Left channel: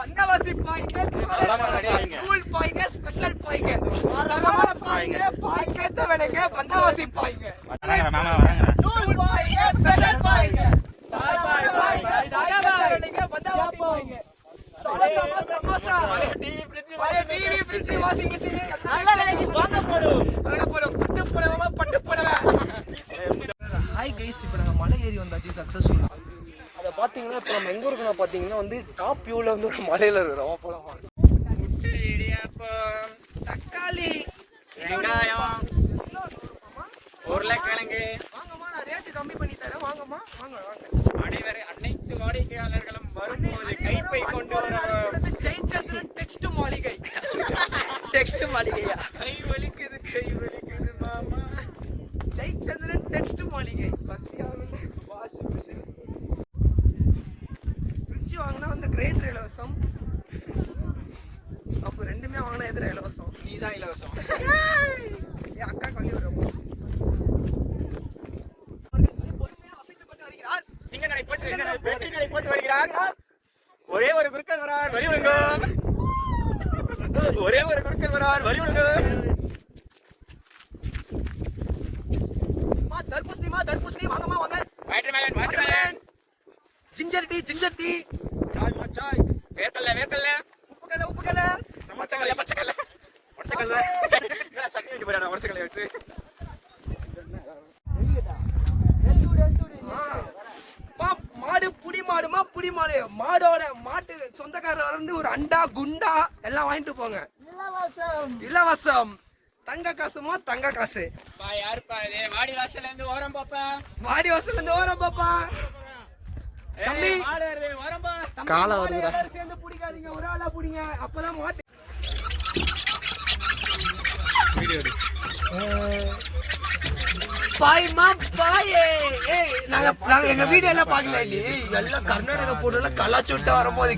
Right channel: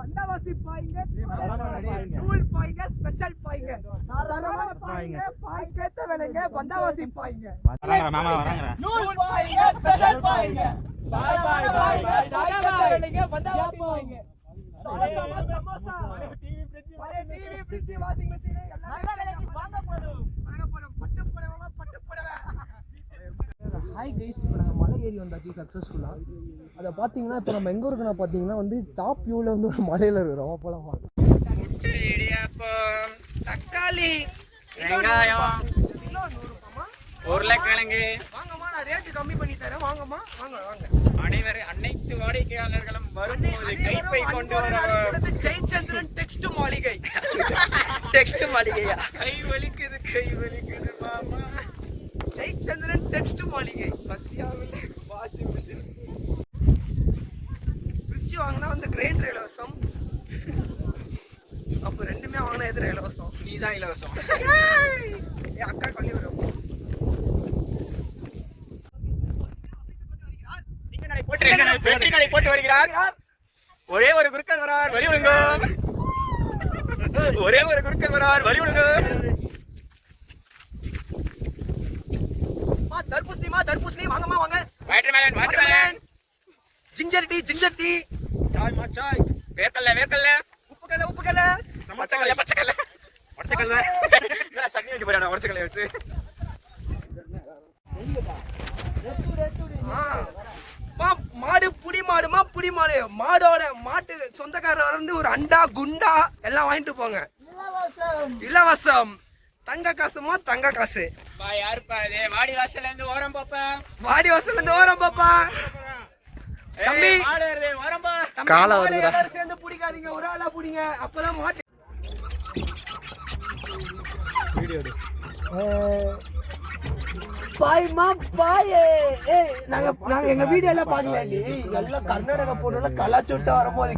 வந்தவாசி பாய்ங்க, கூல் பாய்ங்க, ஸ்பெஷல் பாய்ங்க, பாய்ங்க வேலைங்க, வந்தவாசி பாய்ங்க, நூல் பாய்ங்க, ஸ்பெஷல் பாய்ங்க, பாய் பாய் பாய் பாய் வேலைங்க, வந்தவாசி பாய்ங்க. டிவி ஃப்ரிட்ஜ் வாஷிங் மெஷின் நல்ல விலைக்கு வாங்க போடும் பட்டு புடவை பட்டு புடவை. ஹாய் கைஸ், இப்போ நாங்கள் மலை ஏறி வந்தாச்சு சக்ஸஸ்ஃபுல்லாக. அதை பார்த்தீங்கன்னா இப்போ நம்ம எங்கே இருக்கணும் பார்த்தீங்கன்னா வந்து டாப் வியூவில் வந்து ஒரு மலையில் இருக்கிறோம். போகலாமா? இடியாப்பம், தக்காளி, வெங்காயம், உருளைக்கிழங்கு. வாங்கம்மா, நான் ரேட்டு கம்மி பண்ணி தரேன். வாங்கம்மா, வாங்க வாங்க. அனைத்து வாடிக்கையாளர்களும் வரும்போது கைப்பை கொண்டு வர ஜெயச்சந்திரன் டெக்ஸ்ட் மாளிகை. டெக்ஸ்ட் மாளிகையா? கை வலிக்குது மாமா. ஜெயச்சந்திரன் டெக்ஸ்ட் மாளிகை. சத்யாவில் வாஷிங் மிஷின். ஃப்ரிட்ஜ் வாங்கினா வந்து கிரைண்டர் இலவசம். அப்போ ரெண்டுமே வாங்கினா எதிர இலவசம். நீ தான் இலவசம். என் அக்கா பண்ணி விடுவோம். போட்டு வருகிறார். ஒரே ஒரு குறுக்கன் வரார், வழி விடுங்க. ஒரே ஒரு குறுக்கன் வரார், வழி விடுங்க. தர்பூசணி வாங்கம்மா, வாங்க. வாட்டர்மெலன், ஜிஞ்சர் டீ, சாய், வேர்க்கல்ல, உப்புக்கல்ல, பச்சைக்கல்ல. சட்னி வைக்க போறாடா, உடச்சக்கல்ல வச்சு. மாடு புடி மாடு மாட்டு சொந்தக்காரர் வந்து ஒரு அண்டா குண்டா எல்லாம் வாங்கிட்டு போங்க. இலவசம். தங்க காசு. யாருப்பா இது? வாடி வாசல்ல இருந்து ஓரம் பாப்பா. தம்பி ஓரம்பா. கால வருது. சேர்ந்து பிடிக்காதீங்க, ஒரு ஆளா பிடிங்க. அப்பதான் மாட்டு நாங்க எங்க வீடியோ எல்லாம் பாக்கல. எல்லாம் கர்நாடகா போட்டு கலாச்சுட்டா வரும்போது